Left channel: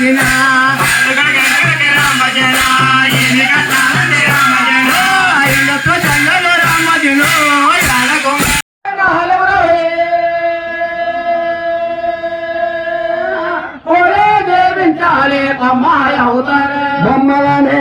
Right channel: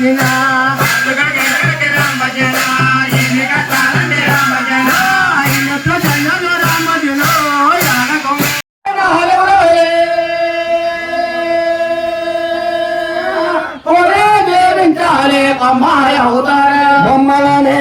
భజన రామ భజన బొమ్మలనే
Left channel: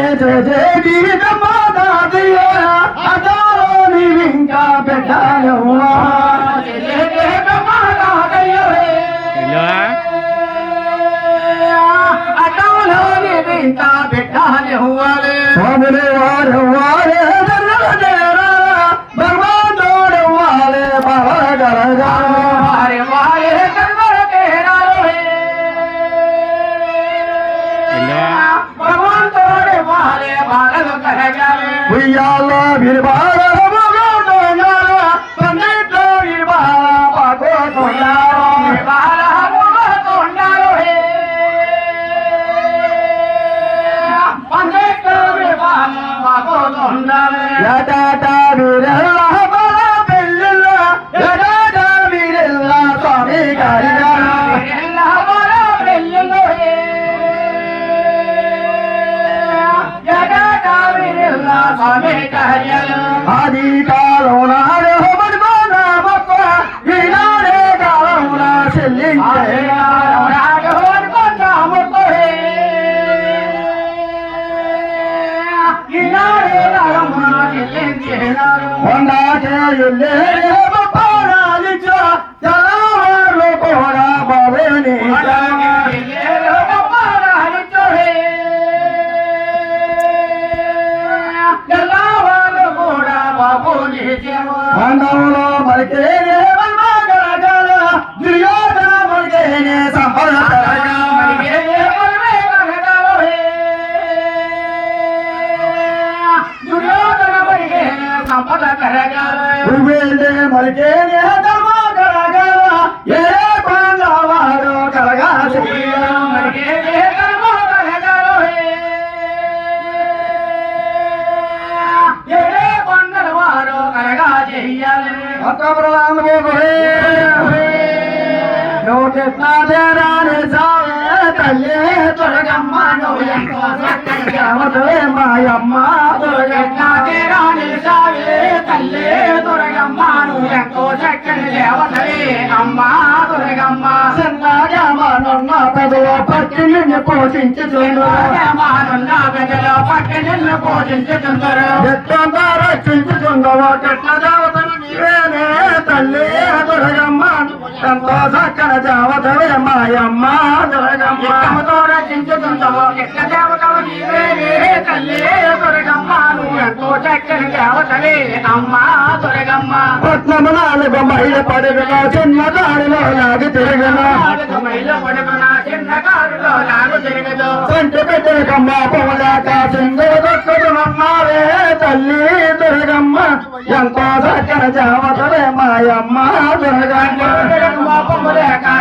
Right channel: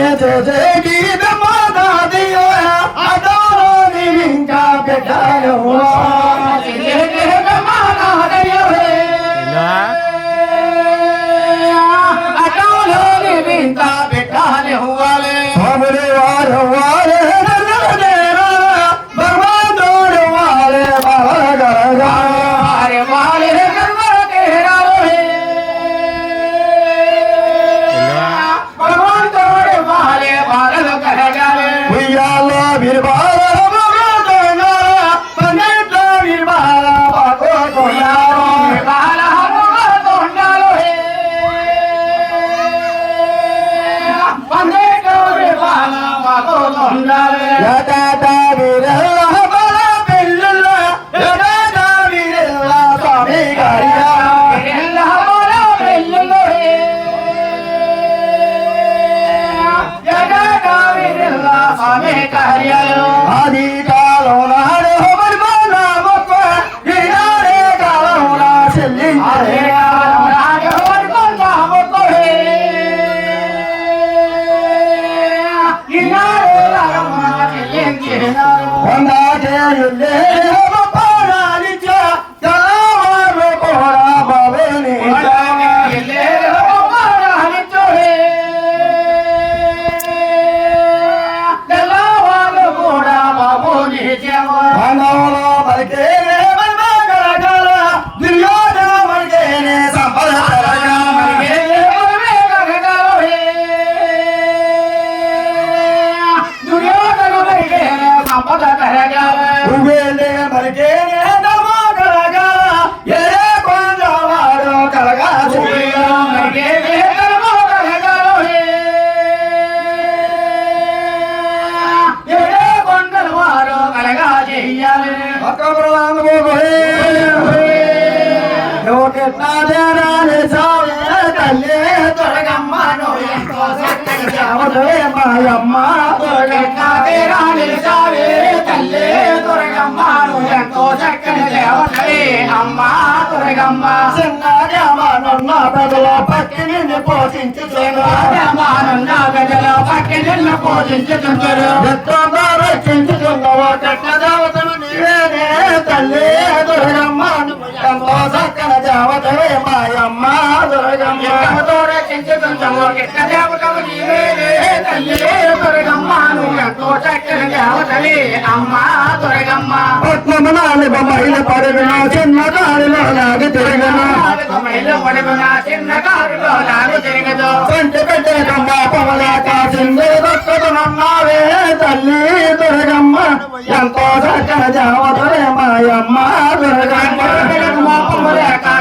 ఎంతో చక్కని జామతలే మాయమ్మ దుర్గమ్మ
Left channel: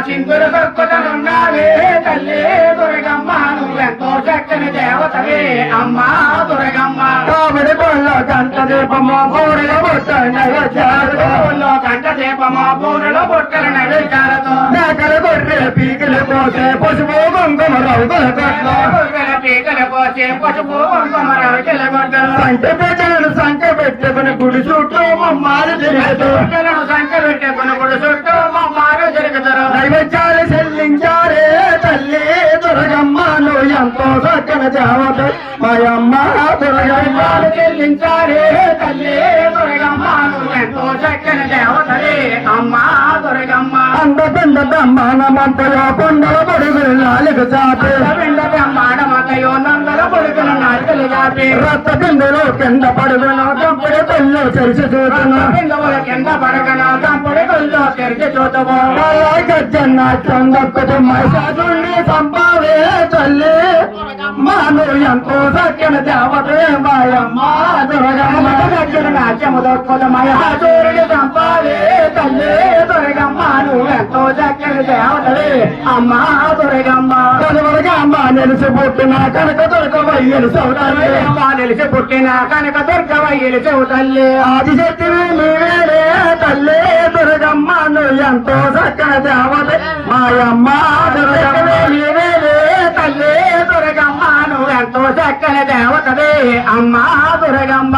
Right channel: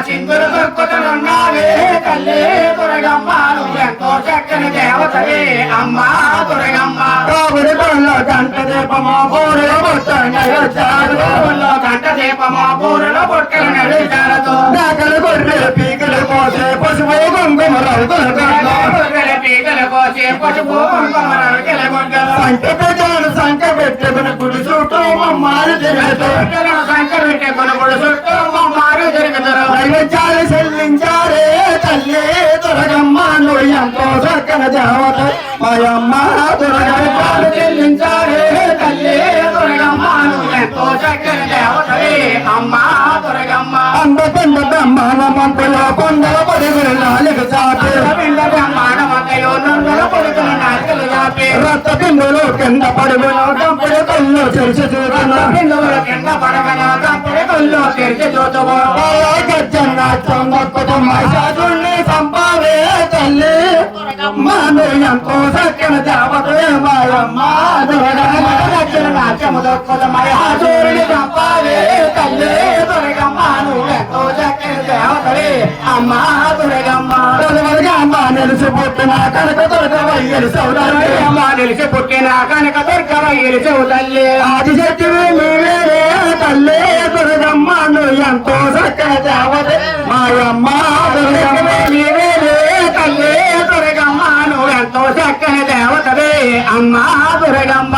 చిందులు దొక్కుతున్నావే తల్లి దుర్గమ్మ ఎంతో చక్కని దేవతలే అమ్మ దుర్గమ్మ కాబడి బొల్లో గంట దీపమా బోరుల బొట్టలు నడుచారులో గంట దీపమా బోరుల బొట్టలు నడుచారతో మేకలు గొర్రెల పీకలు కోసే పసుపు కుంకుమ రంగుల పీకలు కోసే పసుపు కుంకుమ రంగుల గొడ్డలు సంట ప్రజాను సంట పెట్టుకుని గుడి చుట్టూ మమ్మారు జరుగుతారు సంట పెట్టుకుని గుడి చుట్టూ మమ్మారు జరుగుతారు నైవేద్యాలు చెల్లించారే తల్లి దుర్గమ్మను ఎంతో చక్కని జావత మాయమ్మ దుర్గమ్మ చెల్లించారే తల్లి దుర్గమ్మను ఎంతో చక్కని దేవతలే అమ్మ దుర్గమ్మ అంద పిండ బ్రహ్మాండ మంటలో కొండల పరుగులు నాలుగు చాపి పిండ బ్రహ్మాండ మంటయో నొందల పరుగులు నాలుగు చాపి రక్త పిండులో కింద పరుగులు దంపుడు కళ్ళు తెరిచి చూడను పిండుల కింద పడగను దంపుడు కళ్ళు తెరిచి చూడవు గజ్జన్నాట్యం దక్కుతూ మహిషాసుని సంపావే తల్లి మాను ఎంతో చక్కని దేవతలే మాయమ్మ దుర్గమ్మ నాట్యము దక్కుతూ మహిషాసుని సంపావే తల్లి దుర్గమ్మను ఎంతో చక్కని దేవతలే అమ్మ దుర్గమ్మ దుర్గమ్మ నిలిచి పుట్టిన కనక దుర్గవయ్యలు సౌదరి అమ్మ నిలిచి పుట్టిన కనక దుర్గవయ్యలు సౌదల్లి ఆది శక్తివి నీవే తల్లి దుర్గమ్మను ఎంతో చక్కని దేవత మాయమ్మ దుర్గమ్మ నీవే తల్లి అమ్మా దుర్గమ్మ